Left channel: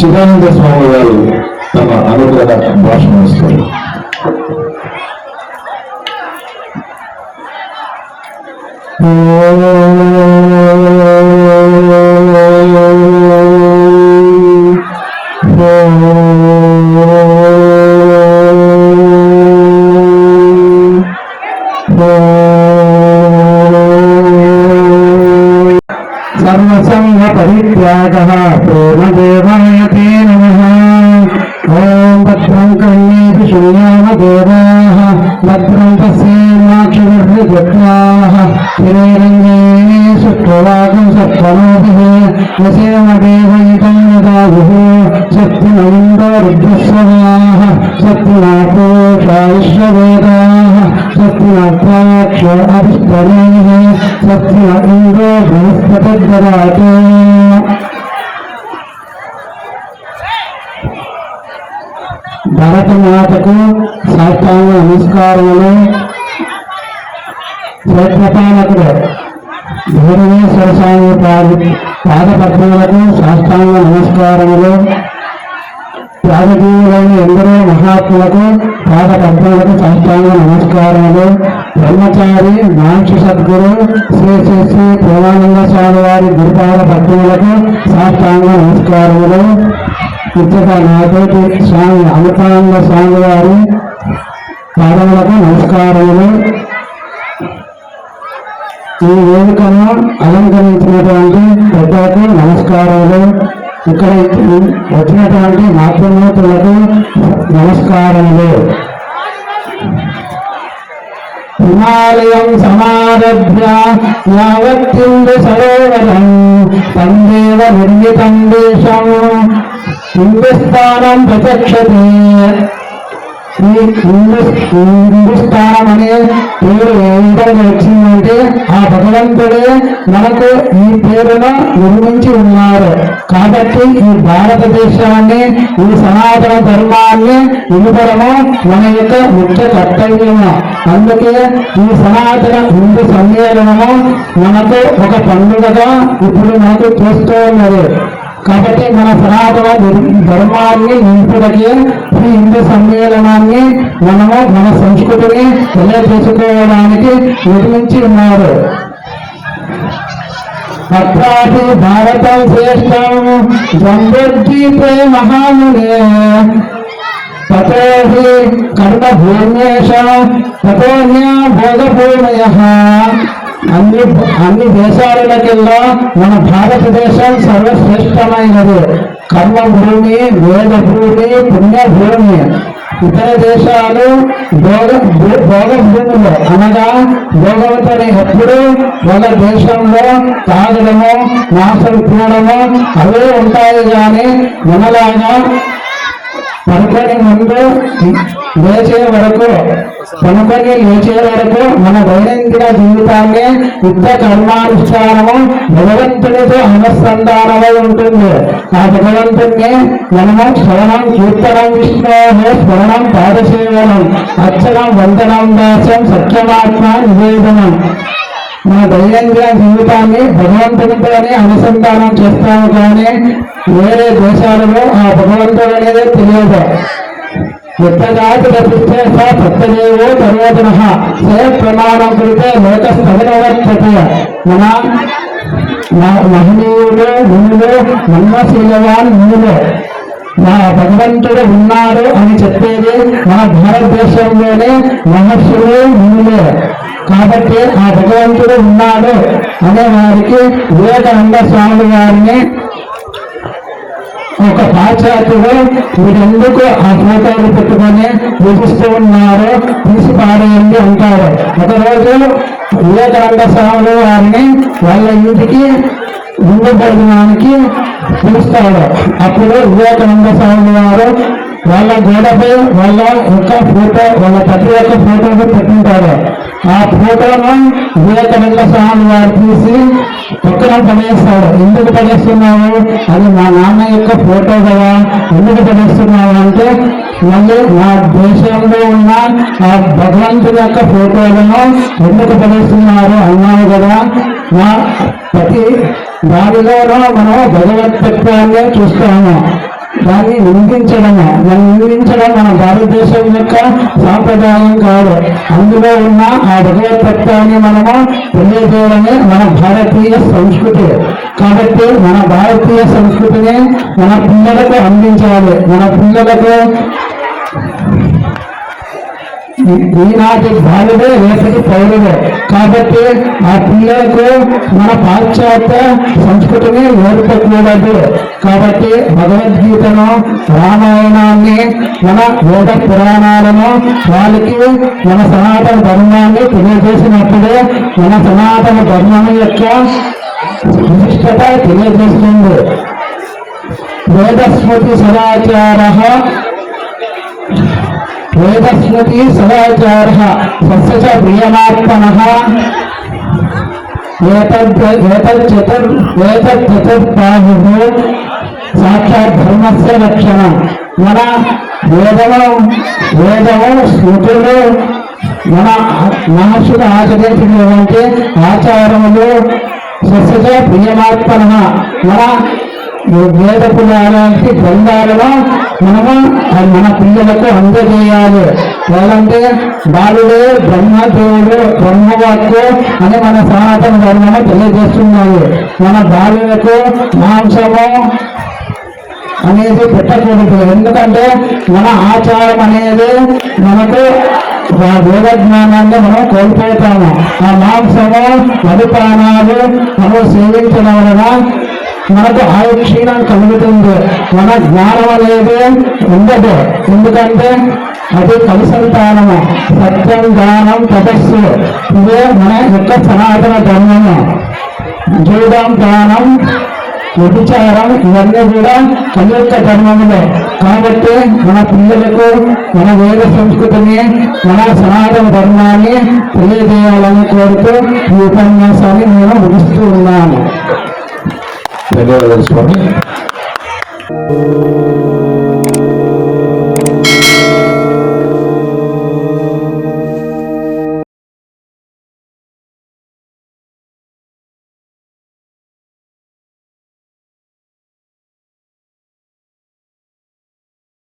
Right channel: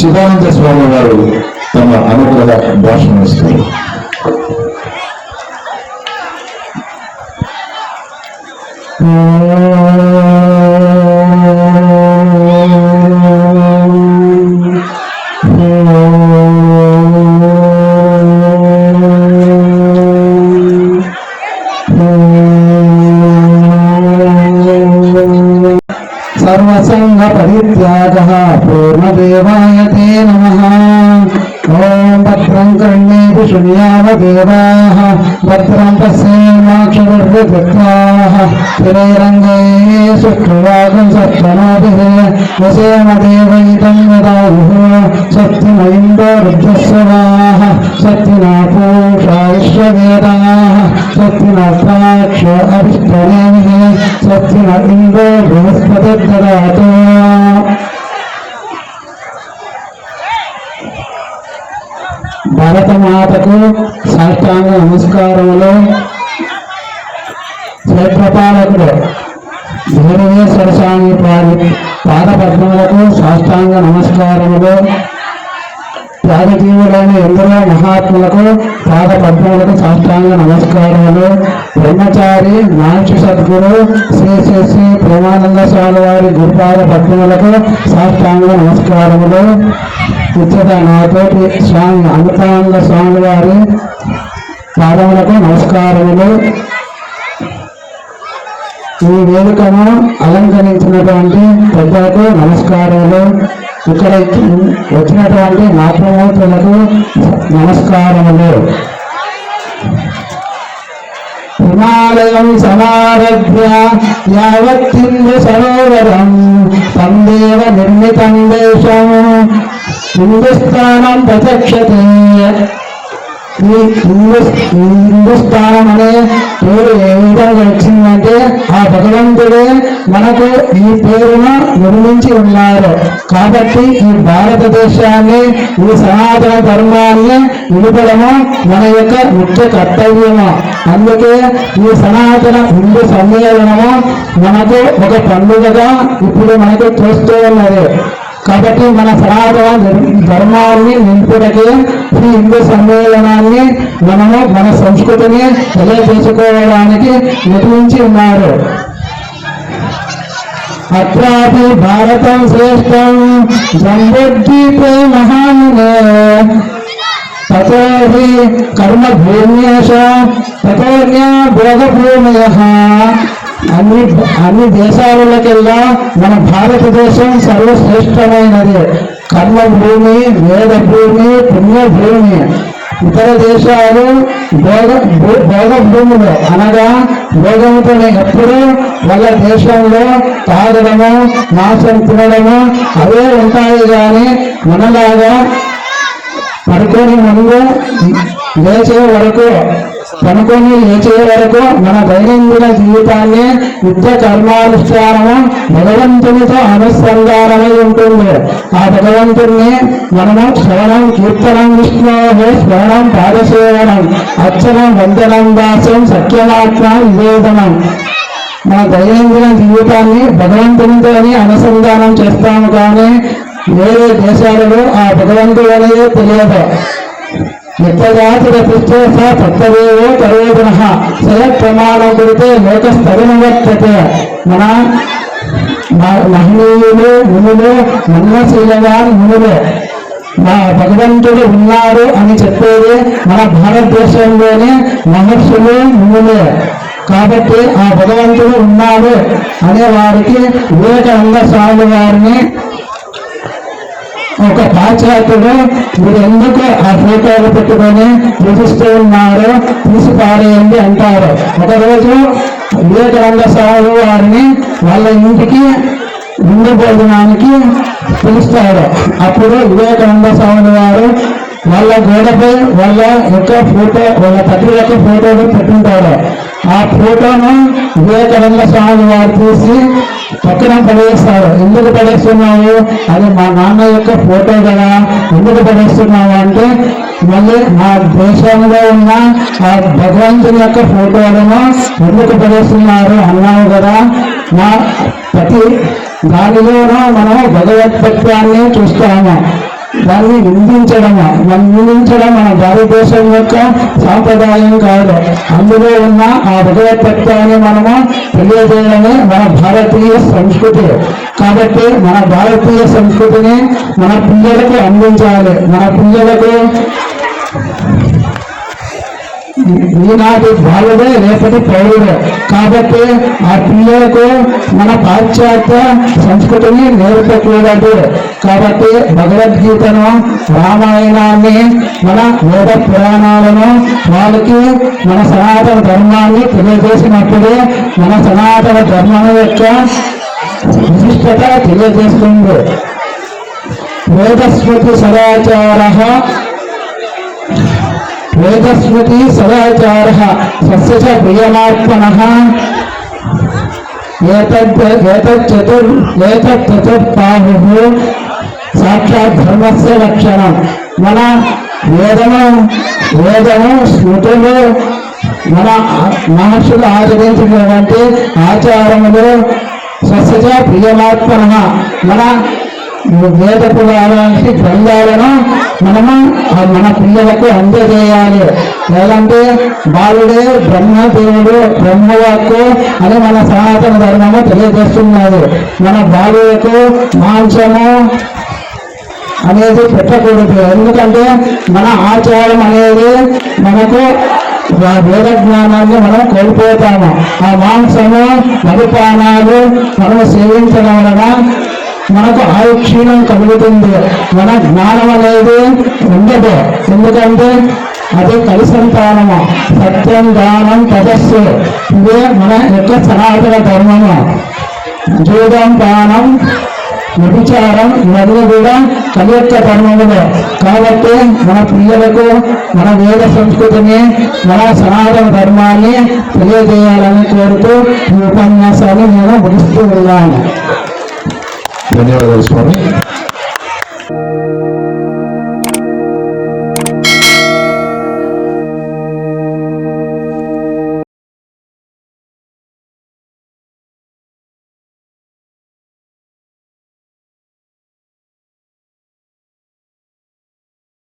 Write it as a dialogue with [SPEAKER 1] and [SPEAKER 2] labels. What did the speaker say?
[SPEAKER 1] చిదానంద స్వామి వారు తమ అనుగ్రహ భాషణ ఇస్తారు
[SPEAKER 2] సర్వసంగ కర్ణేషు శృణ్యామ దేవా భద్రం పశ్యేమాక్షవర్గత్యా శ్రీరంగే సుష్ఠువాగం సత్వమోభి వసేమ దేవైతం వదాయు సత్యమైందో రుద్రస్వవాహ సత్యనా పూషా విశ్వవేదాః సత్యన ఇందో బృహస్పతి భారత మాతకు సాష్టాంగ నమస్కారములు. క్షేత్రపాలకుడు భూమేశ్వర స్వామి పాద పాదపద్మములకు సాష్టాంగ నమస్కారములు. త్యాగజీవులైన ఎందరో మహాత్ములకు పాద సాష్టాంగ నమస్కారములు. బ్రహ్మచారి నాంచి సద్గురు శ్రీ శ్రీ శ్రీ ప్రేమానంద స్వామి వారి గురుపాద పద్మలకు సాష్టాంగ నమస్కారములు. ఇచ్చట నాతోటి స్వామి అమృతానంద స్వామి వారి పాదములకు నమస్కారములు. ఈ వేదికను అలంకరించినటువంటి పెద్దలకు నమస్కారములు ఇక్కడ వచ్చినటువంటి నాట్యమూర్తులకు నమస్కారములు. హిమాలయం సమారభ్య యావత్తిందు సరోవరం తందేవ నిర్మిత హిందుస్థానం ప్రచక్షతే ఈ హిందుస్థానం అనే పేరు ఏ విధంగా వచ్చిందంటే ఆ భగవంతుడే మనకు ఈ పేరును నిర్మించి ఉన్నారు కాబట్టి ఈ భారతదేశాన్ని ఈ సనాతన ధర్మాన్ని నిలబడము మన యొక్క ముఖ్య కర్తవ్యము అందుకే ఈ సనాతన హిందూ సమ్మేళనము మనకు ఒక పండుగగా ఇప్పుడు మనకు చూస్తూ ఉన్నది కాబట్టి మన సనాతన ధర్మాన్ని నింపుటకి ఈ హిందూ సమ్మేళనాన్ని మనము మన సంస్కృతిని తెలియజేసుకోవడానికి నిర్మించి ఉన్నారు. అత్రాపి భారతం శ్రేష్టం జంబుద్వీపే మహామునే. తతో హి కర్మభూమ్యేష తతోన్యా భోగభూమయ. అన్ని అన్ని దేశాలకెల్లా మన భారతదేశం సర్వశ్రేష్టమైనది. కర్మభూమి వేద భూమి పుణ్యభూమి. ఇతర దేశాలు భోగ భూ- భోగ భూములు అనగా భోగంతో ఎప్పుడు వాళ్ళ దేశంలో తాగడము మాంసం తినడము అవే ఉంటాయి కానీ మనలాగా పడుకొని ముందు లేచే వరకు పనుకొని లేచే వరకు మన దైనందిన జీవితాన్ని నిత్య కర్మానుష్ఠానము భగవంతునితో అనుసంధానమై ఉంటుంది. ఆ భగవంతుణ్ణి మనము శ్రవణం కీర్తనం విష్ణు శ్రవణం పాదసేవనం అర్చనం వందనం దాసం సత్యమాత్మ నివేదనం. మన దైనందిన జీవితాన్ని భగవంతునితోనే అనుసంధానం చేస్తాము కానీ వేరే దేశాలలో ఆ భగవంతుడు అనేది తెలియదు. యజ్ఞాతిరతిష్ఠే స తత్తదేవో తరోజన సయ ప్రమాణం లోకస్థగనవర్తతే మన మహనీయులు మునులు మన్మశీలవాన్ మునులు. మా భగవంతుడు ఉన్నాడు అని చెప్పేది మన భారతదేశంలోనే మహర్షులు మునులే. కాబట్టి ఆ భగవంతుడు ఉన్నాడు అనే వారికి వివేకానంద స్వామి వారిని ఒక పాశ్చాత్యుడు వీరెందుకు ఎందుకు ఆ ఫోటోలు పెట్టుకొని పూజిస్తూ ఉన్నారు తీసి పారేయండి అంటారు. ఒకరోజు వివేకానంద స్వామి వారిని వాళ్ళ ఇంటికి ఉన్న భోజనానికి పిలుస్తాడు అప్పుడు వివేకానంద స్వామి వారు వాళ్ళ గోడపై వాళ్ళ యొక్క ఫోటో వాళ్ళ తండ్రి యొక్క ఫోటోను ఆ ఫోటోను వివేకానంద స్వామి వారు తీసి పక్కన పడేస్తాడు ఎందుకు పడేస్తున్నావు? అది మా నాన్న యొక్క ఫోటో కదా. ఎందుకు పడేస్తున్నావు అంటే మళ్ళీ మా దేశంలో ఉన్న ఆ భగవంతుని యొక్క ఫోటోలను ఎందుకు పడేస్తున్నారు అన్నావు కదా. మా ప్రతి దానిలోనూ మనం భగవతత్వాన్ని చూస్తాము. దాన్ని నిందించడమే నిందించడం మన భారతదేశం యొక్క సాంప్రదాయం కాదు. అందులో ఉన్న ఆ భగవతత్వాన్ని మనము తెలియజేయడమే మన భారతీయ సంస్కృతి. కాబట్టి మన భారతీయ సంస్కృతిని మన పిల్లలకు అందించాలి. మన పిల్లలకు ఈనాటి బాలుడే రేపటి పౌరుడే. కాబట్టి ఆ పిల్లలకు మన పాశ్చాత్య సంస్కృతిని నేర్పకూడదు. కాబట్టి భగవద్గీతను రామాయణాన్ని మన వేద పురాణాలను వాళ్ళకి మన సనాతన ధర్మాన్ని తెలియజేసినప్పుడు మన సనాతన ధర్మం యొక్క విశిష్టత తెలియజేస్తుంది. వేదస్మృతి సదాచార వేదస్మృతి సదాచార సస్య ప్రియమాత్మన. ఏతద్ ఏతచ్చతుర్బాహు సాక్షాత్ ధర్మస్య లక్షణం మన వేదము వేదము స్మృతులు మన మహర్షులు ఆచరించినటువంటి ఆచారములు స్వస్య ప్రియమాత్మన. మన వేద పురాణానికి గ్రంథాలను మనము మన పిల్లలకు అందజేయాలి లేదంటే బాలుడే బ్రహ్మదేవుడు బ్రహ్మవాక్కు అని మన సనాతన ధర్మము తెలియజేస్తున్నది మన బాలులకు మాంసము అనేది పెట్టకూడదు. ఎందుకంటే మన ఆచారం అనేది మనకు వేద జ్ఞానాన్ని మనం కోల్పోతాము. ఆ మాంసము మధుపానాలు మనం సేవించడం వలన మనకు ఆయు క్షీణం కలుగుతుంది. మన జ్ఞానం అనేది ఉండదు. ఎందుకంటే అది కలిసంతానము. సత్యం జ్ఞానం తపస్సు. ఇదే మన యొక్క సనాతన ధర్మము. జూదం ప్రాణం వ్యభిచారం ఇవన్నీ కూడా కలి యొక్క ధర్మములే. కాబట్టి మన పిల్లలకు మన వేద సంస్కృతిని మన సనాతన ధర్మాన్ని తెలియజేయాలని కోరుతూ ఈ ఉపన్యాసాన్ని నేను ముగిస్తూ ఉన్నాను.
[SPEAKER 1] ధన్యవాదాలు